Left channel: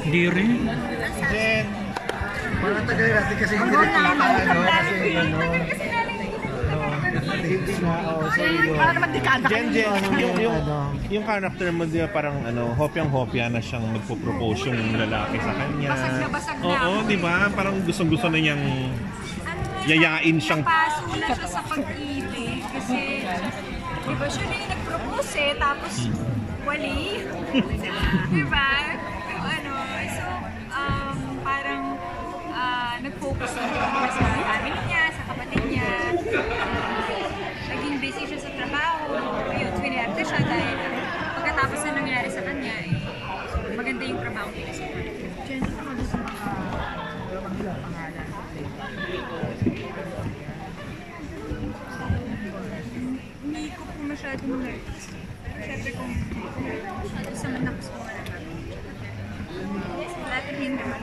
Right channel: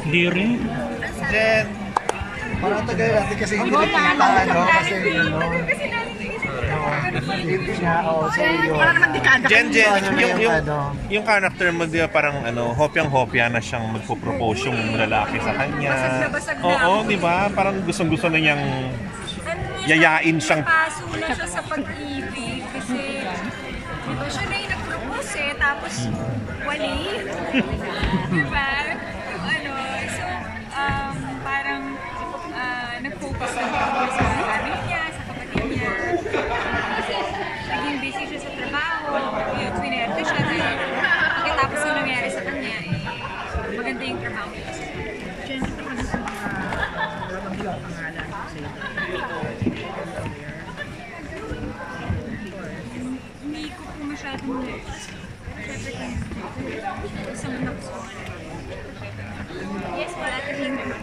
Hindi rin. Jen. Mga tagal natin kasi hindi Wala rin na kausap namin ano. din. Tagal kasi namin para naman dekada Jen, kami. yung character mo, di ba, parang hopyang-hopya na siyang magpo-propose yung lalaki sa kanya. Basag na basag na Oo, ako. di ba? Parang gustong-gusto na niyang yayain siyang... Napaso na siya sa pag-ibig kasi di ba siya na yung nag-propose eh, tapos wali. Di ba? So parang nag-focus na siya sa family niya, sa kapatid niya. Naging busy siya sa trabaho. Yun, swinerte siya dahil pagkatapos na nangyari sa kanya, maganda yung trabaho niya sa kanya. Hindi ko po masyadong nurse. Pero syempre kung isang man ako sa mga naman. Yes, wala tayong naman.